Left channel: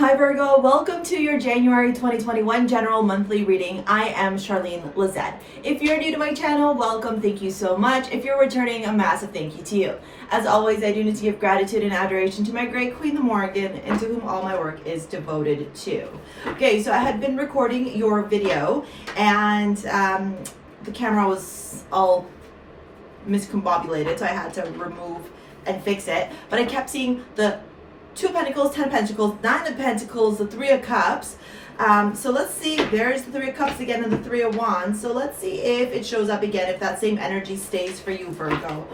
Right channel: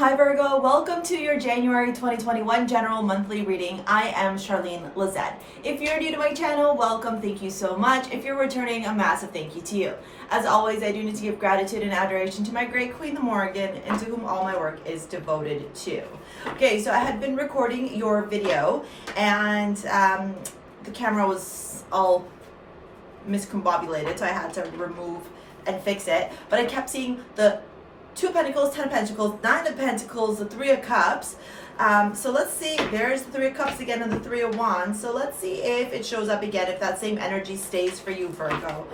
Hi Virgo, welcome to your January 2021 general monthly reading. I am Charlene Lizette. If you're new to my channel, welcome, thank you so much. If you're returning, a massive thank you to you. As always, I do need to give gratitude and adoration to my great Queen the Morrigan, and to whom all my work is devoted to. Okay, so I had been recording your video, and the camera was all miscombobulated, so I had to remove and fix it. But I kept seeing the 2 of Pentacles, 10 of Pentacles, 9 of Pentacles, the 3 of Cups. So let's see, there's the 3 of Cups again and the 3 of Wands. So let's see if it shows up again, if that same energy stays for you, Virgo.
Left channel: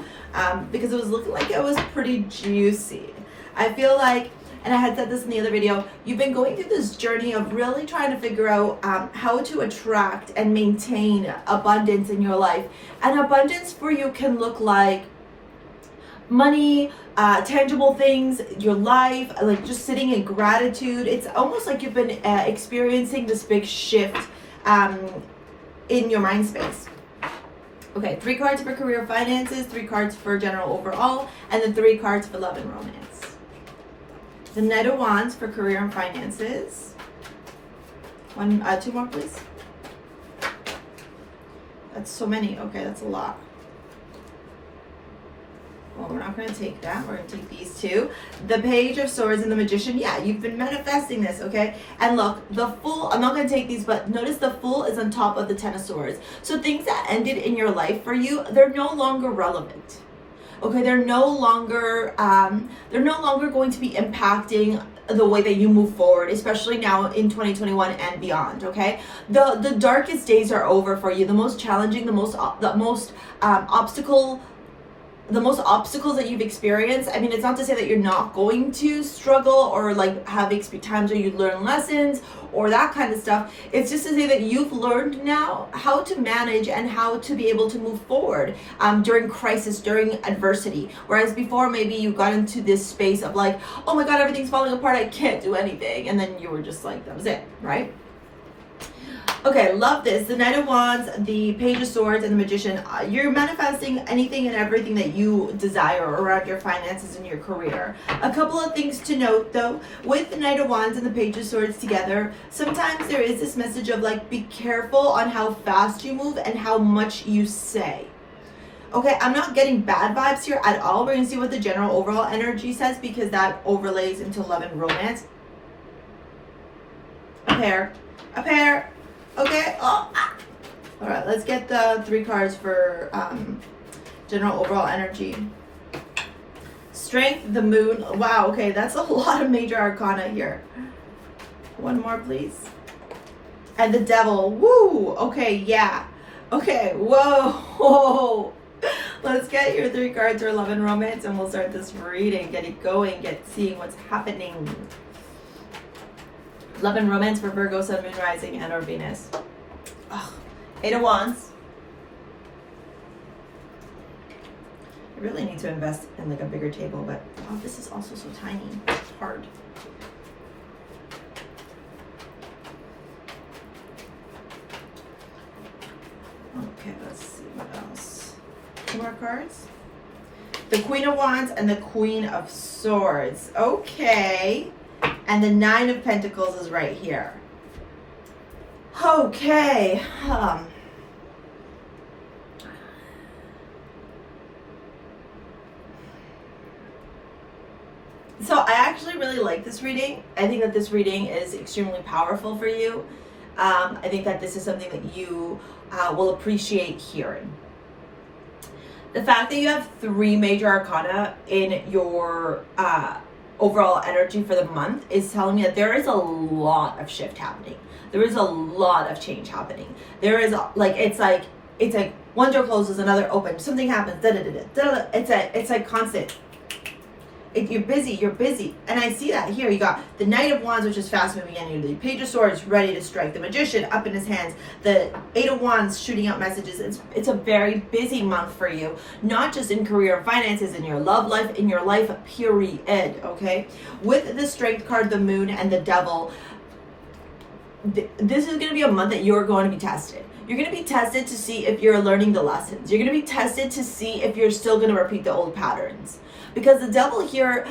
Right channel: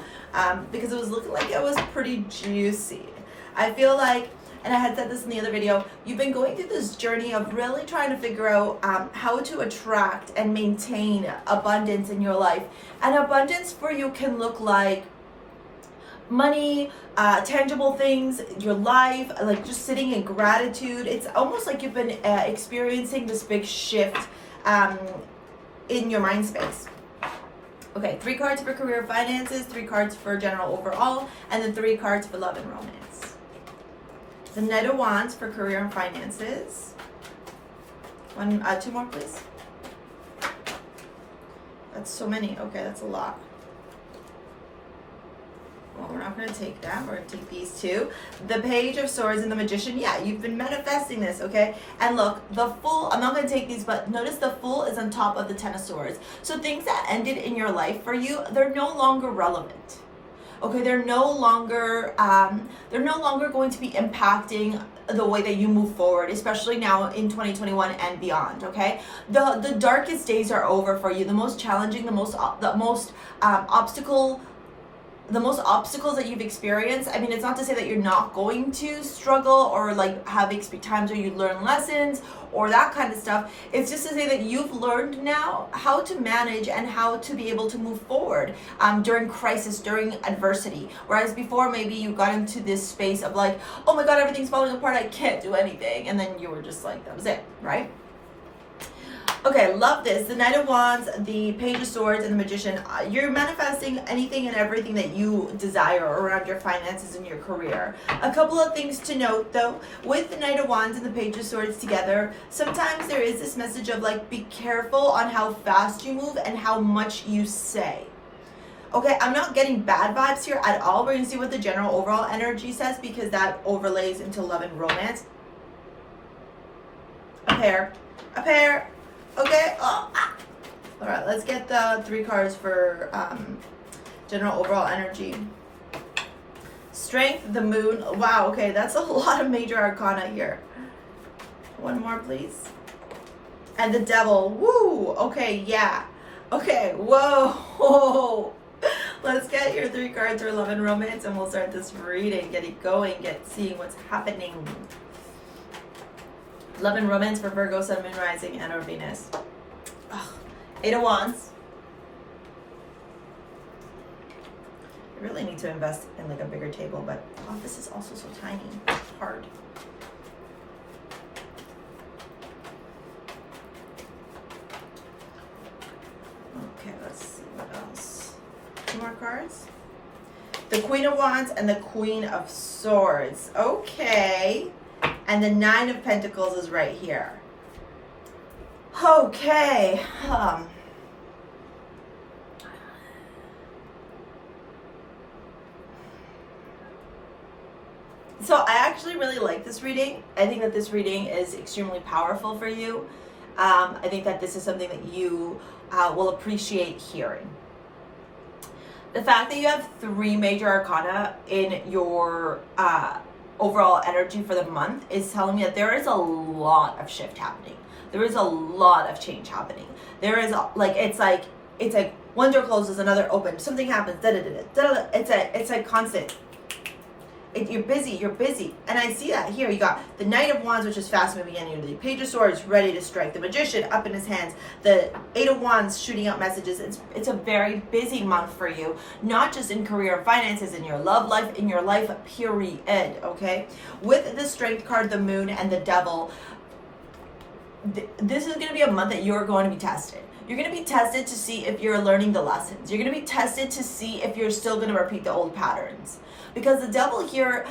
Because it was looking like it was pretty juicy. I feel like, and I had said this in the other video, you've been going through this journey of really trying to figure out how to attract and maintain abundance in your life. And abundance for you can look like money, tangible things, your life, like just sitting in gratitude. It's almost like you've been experiencing this big shift in your mind space. Okay, 3 cards for career finances, 3 cards for general overall, and then 3 cards for love and romance. The Knight of Wands for career and finances. 2 more, please. That's so many. Okay, that's a lot. Well, we're not going to take that. We're going to take these 2. The Page of Swords and the Magician. Yeah, you've been manifesting this, okay? And look, the Fool, I'm not going to take these, but notice the Fool is on top of the 10 of Swords. So things that ended in your life for you, they're no longer relevant. Okay, they're no longer going to be impacting the way that you move forward, especially now in 2021 and beyond. Okay, the darkest days are over for you. The most challenging, the most obstacles that you've experienced. I mean, it's not to say that you're not going to struggle or like have times where you learn lessons or that kind of stuff. It's just to say that you've learned now how to manage and how to be able to move forward during crisis, during adversity. Whereas before, maybe you got into this space of like, oh my God, everything's falling apart, I can't do anything. And then you were just like, that was it, right? Okay, love this. The Knight of Wands, the Page of Swords, and the Magician. You're manifesting anything and everything that you desire around your finances and your career. A couple of things to note, though. With the Knight of Wands and the Page of Swords together, sometimes there is this message of like, be careful on how fast you move and how much you say. Okay, I'm not getting bad vibes here at all. We're going to see what the general overall energy says, because that overlays into love and romance. A pair. Okay. Oh. All right, let's get the 3 cards for general overall energy. Strength, the Moon. Wow, okay, that's a lot of major arcana here. 1 more, please. And the Devil. Woo! Okay, yeah. Okay, whoa. Let's get your 3 cards for love and romance, and we'll start this reading. Get it going, seeing what's happening. Love and romance for Virgo, Sun, Moon, Rising, and or Venus. Ugh. 8 of Wands. I really need to invest in like a bigger table, but oh, this is also so tiny. It's hard. Okay, let's see what else. 2 more cards. The Queen of Wands and the Queen of Swords. Okay. And the 9 of Pentacles is right here. Okay. So I actually really like this reading. I think that this reading is extremely powerful for you. I think that this is something that you will appreciate hearing. The fact that you have 3 major arcana in your overall energy for the month is telling me that there is a lot of shift happening. There is a lot of change happening. There is it's like one door closes, another opens, something happens, it's like constant. You're busy. And I see that here. You got the Knight of Wands, which is fast moving energy. The Page of Swords ready to strike. The Magician up in his hands. The 8 of Wands shooting out messages. It's a very busy month for you. Not just in career and finances, in your love life, in your life, period. Okay? With the Strength card, the Moon, and the Devil, this is going to be a month that you're going to be tested. You're going to be tested to see if you're learning the lessons. You're going to be tested to see if you're still going to repeat the old patterns. Because the devil here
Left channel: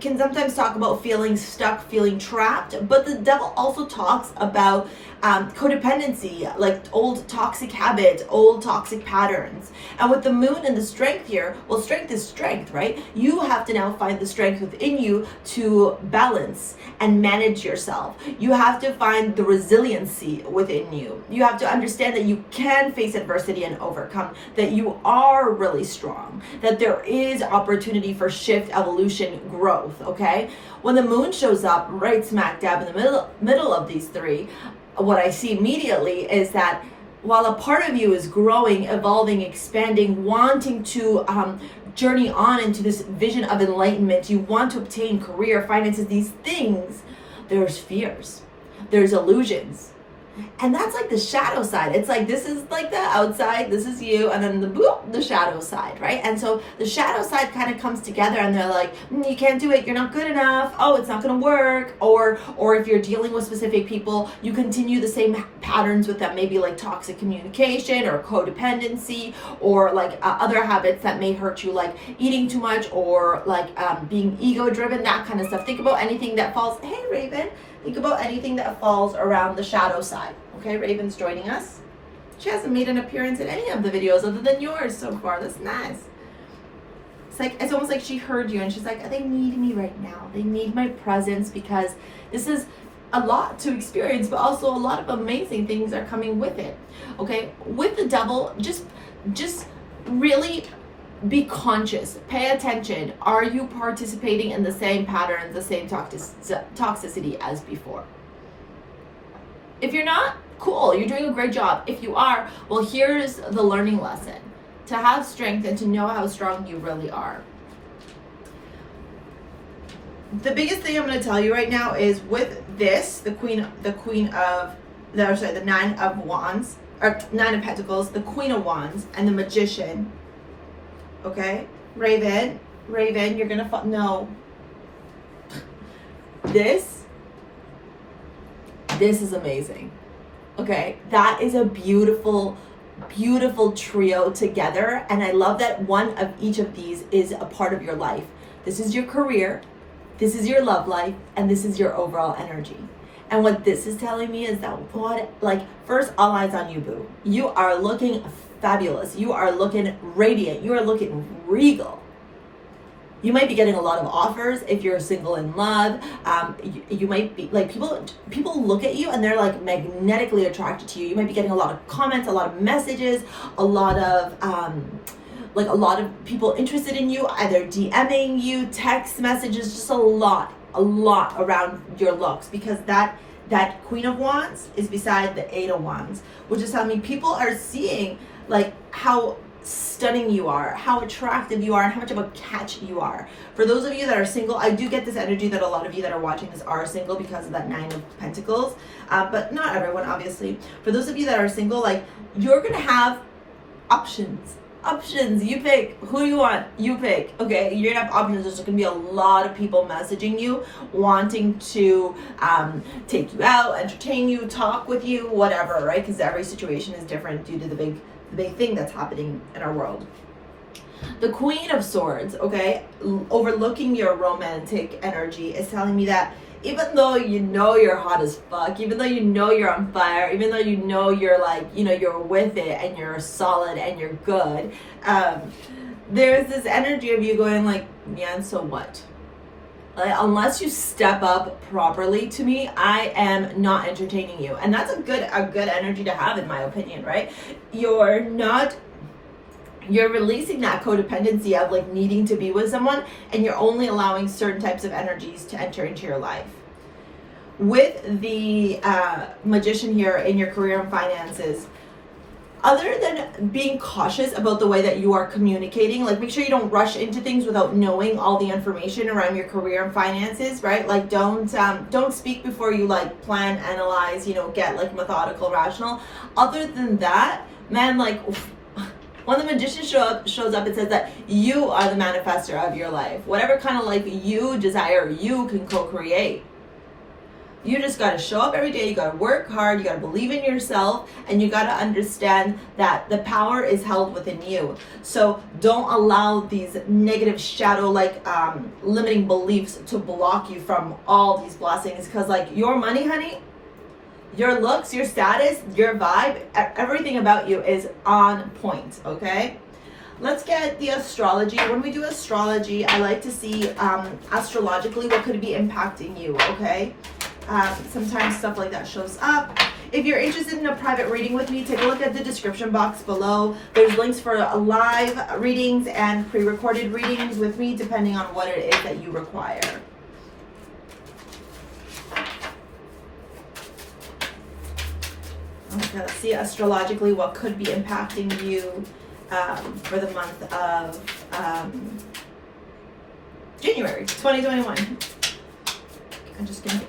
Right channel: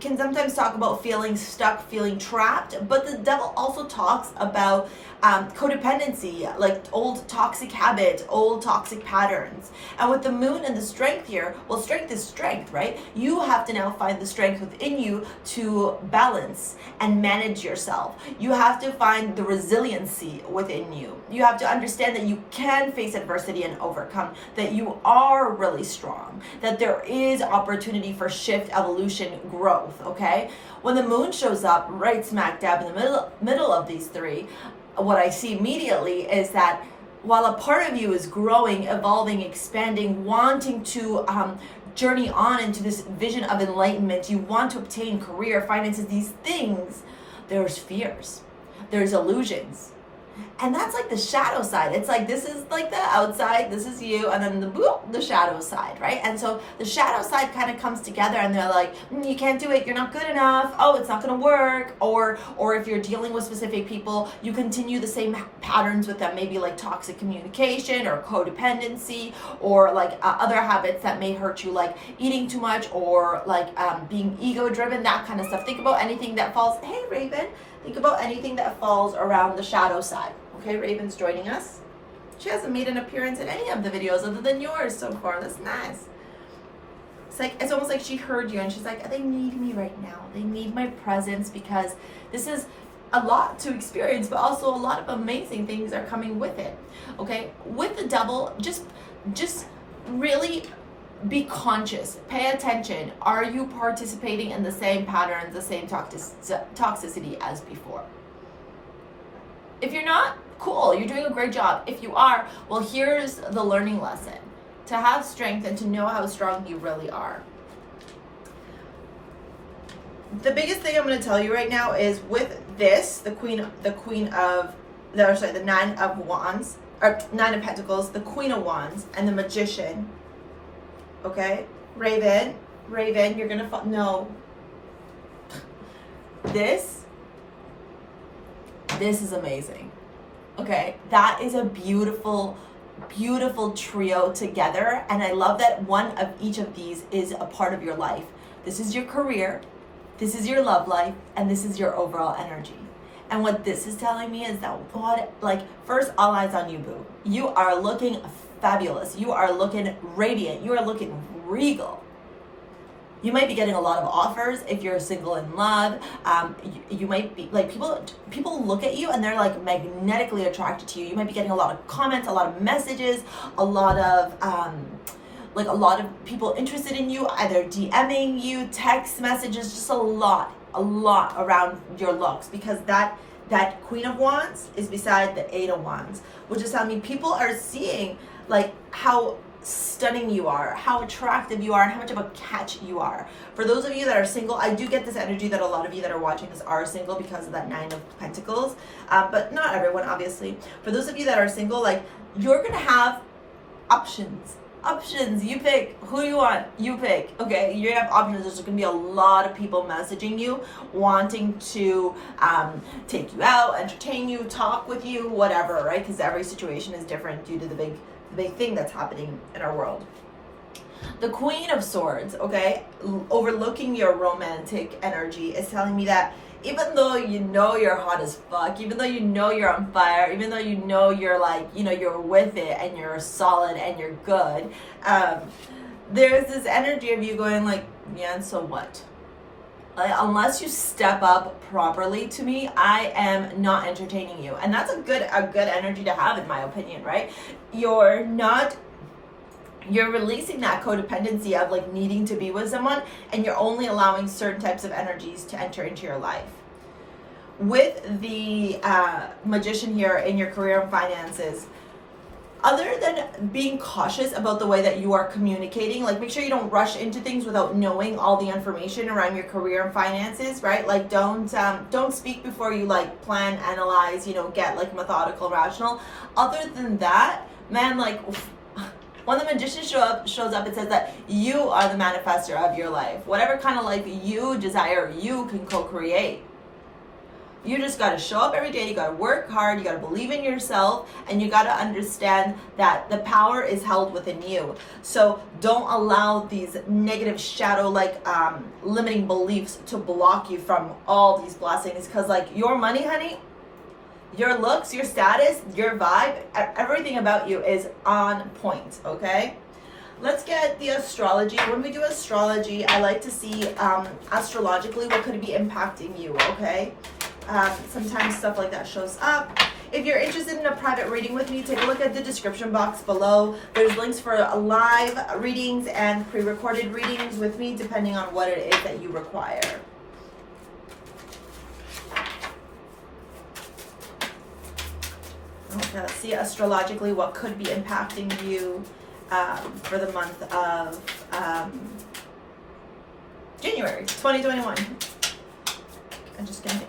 can sometimes talk about feeling stuck, feeling trapped, but the devil also talks about codependency, like old toxic habits, old toxic patterns. And with the moon and the strength here, well, strength is strength, right? You have to now find the strength within you to balance and manage yourself. You have to find the resiliency within you. You have to understand that you can face adversity and overcome, that you are really strong, that there is opportunity for shift, evolution, growth, okay? When the moon shows up right smack dab in the middle of these three, what I see immediately is that while a part of you is growing, evolving, expanding, wanting to journey on into this vision of enlightenment, you want to obtain career, finances, these things, there's fears, there's illusions. And that's like the shadow side. It's like, this is like the outside, this is you, and then the shadow side, right? And so the shadow side kind of comes together and they're like, you can't do it, you're not good enough, oh, it's not gonna work. Or if you're dealing with specific people, you continue the same patterns with them, maybe like toxic communication or codependency, or like other habits that may hurt you, like eating too much, or like being ego driven, that kind of stuff. Think about anything that falls, hey Raven, think about anything that falls around the shadow side. Okay, Raven's joining us. She hasn't made an appearance in any of the videos other than yours so far. That's nice. It's almost like she heard you and she's like, they need me right now. They need my presence because this is a lot to experience, but also a lot of amazing things are coming with it. Okay, with the devil, just really be conscious, pay attention. Are you participating in the same patterns, the same toxicity as before? If you're not, cool, you're doing a great job. If you are, well, here's the learning lesson: to have strength and to know how strong you really are. The biggest thing I'm going to tell you right now is with this, the Nine of Wands, or Nine of Pentacles, the Queen of Wands, and the Magician. Okay, Raven, you're gonna no. This is amazing. Okay, that is a beautiful, beautiful trio together, and I love that one of each of these is a part of your life. This is your career, this is your love life, and this is your overall energy. And what this is telling me is that first, all eyes on you, boo. You are looking fabulous. You are looking radiant. You are looking regal. You might be getting a lot of offers if you're single in love. You might be like, people look at you and they're like magnetically attracted to you. You might be getting a lot of comments, a lot of messages, a lot of people interested in you, either DMing you, text messages, just a lot around your looks, because that Queen of Wands is beside the Eight of Wands, which is telling me people are seeing like how stunning you are, how attractive you are, and how much of a catch you are. For those of you that are single, I do get this energy that a lot of you that are watching this are single because of that Nine of Pentacles, but not everyone, obviously. For those of you that are single, like, you're gonna have options. You pick who you want, you pick. Okay, you're gonna have options. There's gonna be a lot of people messaging you, wanting to take you out, entertain you, talk with you, whatever, right? Because every situation is different due to the big thing that's happening in our world. The Queen of Swords, okay, overlooking your romantic energy, is telling me that even though you know you're hot as fuck, even though you know you're on fire, even though you know you're like, you're with it and you're solid and you're good, there's this energy of you going like, yeah, and so what? Unless you step up properly to me, I am not entertaining you. And that's a good energy to have, in my opinion, right? You're releasing that codependency of like needing to be with someone, and you're only allowing certain types of energies to enter into your life. With the Magician here in your career and finances, other than being cautious about the way that you are communicating, like make sure you don't rush into things without knowing all the information around your career and finances, right? Like don't speak before you like plan, analyze, get like methodical, rational. Other than that, man, like when the Magician shows up, it says that you are the manifester of your life. Whatever kind of life you desire, you can co-create. You just got to show up every day. You got to work hard. You got to believe in yourself, and you got to understand that the power is held within you. So don't allow these negative shadow limiting beliefs to block you from all these blessings, because like your money, honey, your looks, your status, your vibe, everything about you is on point. Okay, let's get the astrology. When we do astrology, I like to see astrologically what could be impacting you. Okay, sometimes stuff like that shows up. If you're interested in a private reading with me, take a look at the description box below. There's links for live readings and pre-recorded readings with me, depending on what it is that you require. Okay, let's see astrologically what could be impacting you for the month of January 2021. I'm just gonna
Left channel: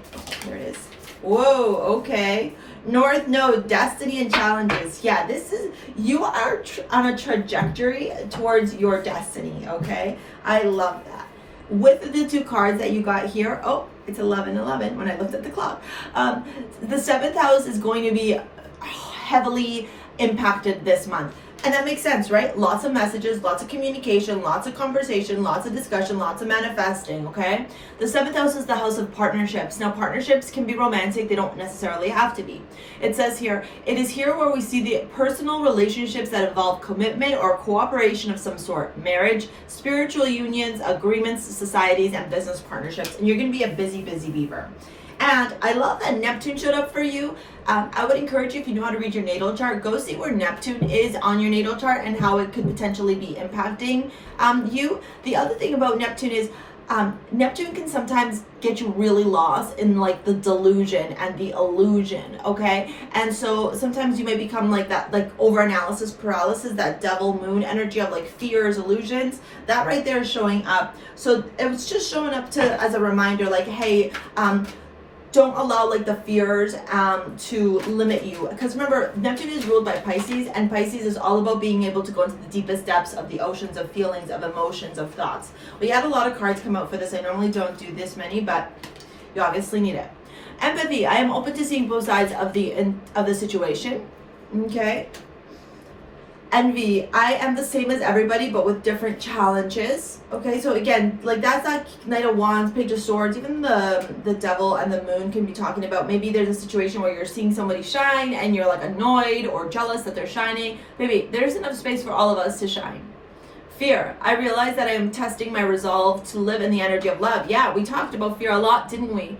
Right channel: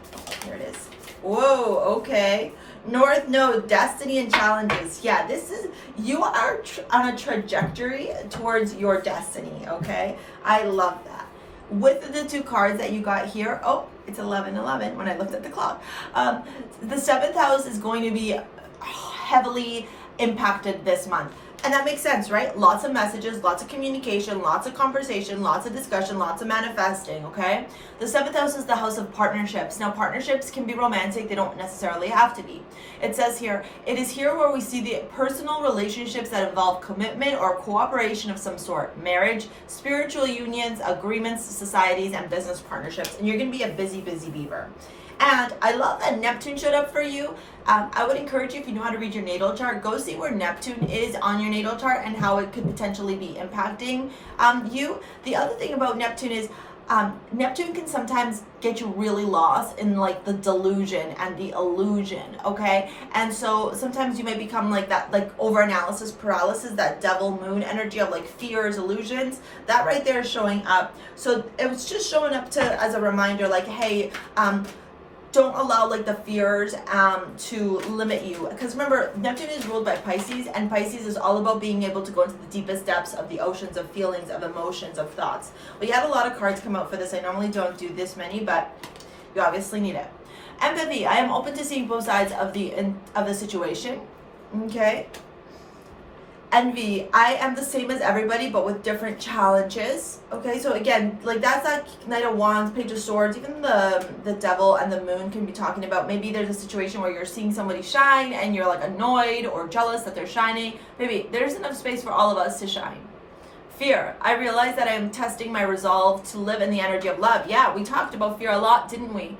here it is. Whoa, okay. North Node, destiny and challenges. Yeah, this is, you are on a trajectory towards your destiny, okay? I love that. With the two cards that you got here, oh, it's 11:11 when I looked at the clock. The 7th house is going to be heavily impacted this month. And that makes sense, right? Lots of messages, lots of communication, lots of conversation, lots of discussion, lots of manifesting, okay? The 7th house is the house of partnerships. Now, partnerships can be romantic. They don't necessarily have to be. It says here, it is here where we see the personal relationships that involve commitment or cooperation of some sort. Marriage, spiritual unions, agreements, societies, and business partnerships. And you're going to be a busy, busy beaver. And I love that Neptune showed up for you. I would encourage you, if you know how to read your natal chart, go see where Neptune is on your natal chart and how it could potentially be impacting you. The other thing about Neptune is Neptune can sometimes get you really lost in like the delusion and the illusion, okay? And so sometimes you may become like that, like over-analysis paralysis, that devil moon energy of like fears, illusions. That right there is showing up. So it was just showing up to as a reminder, like, hey, don't allow like the fears to limit you, because remember, Neptune is ruled by Pisces, and Pisces is all about being able to go into the deepest depths of the oceans of feelings, of emotions, of thoughts. We had a lot of cards come out for this. I normally don't do this many, but you obviously need it. Empathy. I am open to seeing both sides of the situation. Okay. Envy. I am the same as everybody, but with different challenges. Okay, so again, like that's that Knight of Wands, Page of Swords, even the Devil and the Moon can be talking about. Maybe there's a situation where you're seeing somebody shine and you're like annoyed or jealous that they're shining. Maybe there's enough space for all of us to shine. Fear. I realize that I am testing my resolve to live in the energy of love. Yeah, we talked about fear a lot, didn't we?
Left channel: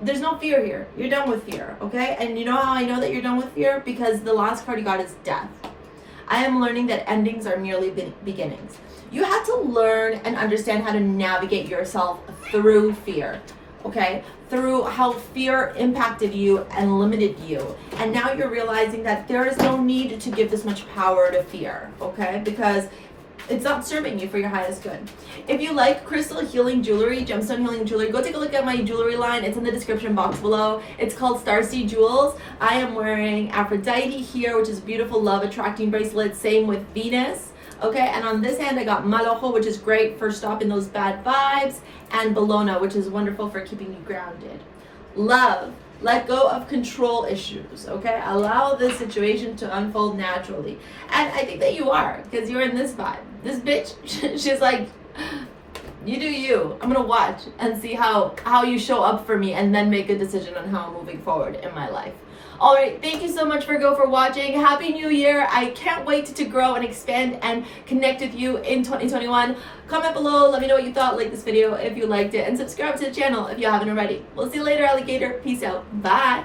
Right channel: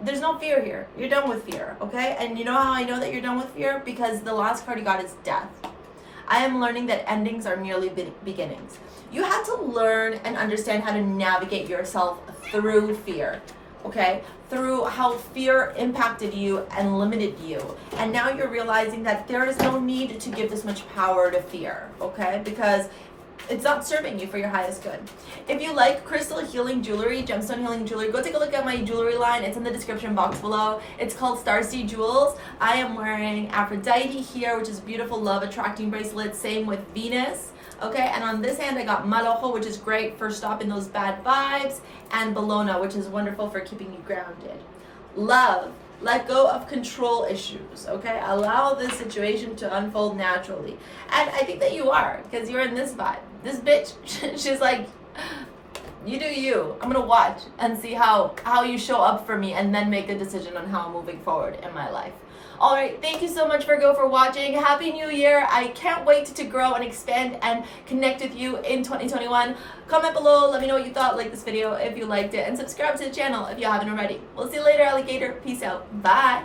There's no fear here. You're done with fear, okay? And you know how I know that you're done with fear? Because the last card you got is Death. I am learning that endings are merely beginnings. You have to learn and understand how to navigate yourself through fear, okay? Through how fear impacted you and limited you. And now you're realizing that there is no need to give this much power to fear, okay? Because it's not serving you for your highest good. If you like crystal healing jewelry, gemstone healing jewelry, go take a look at my jewelry line. It's in the description box below. It's called STARSEA Jewels. I am wearing Aphrodite here, which is a beautiful love attracting bracelet. Same with Venus. Okay, and on this hand I got Malojo, which is great for stopping those bad vibes, and Bologna, which is wonderful for keeping you grounded. Love. Let go of control issues, okay? Allow this situation to unfold naturally. And I think that you are, because you're in this vibe. This bitch, she's like, you do you. I'm gonna watch and see how you show up for me, and then make a decision on how I'm moving forward in my life. All right, thank you so much, Virgo, for watching. Happy New Year. I can't wait to grow and expand and connect with you in 2021. Comment below, let me know what you thought, like this video if you liked it, and subscribe to the channel if you haven't already. We'll see you later, alligator. Peace out. Bye.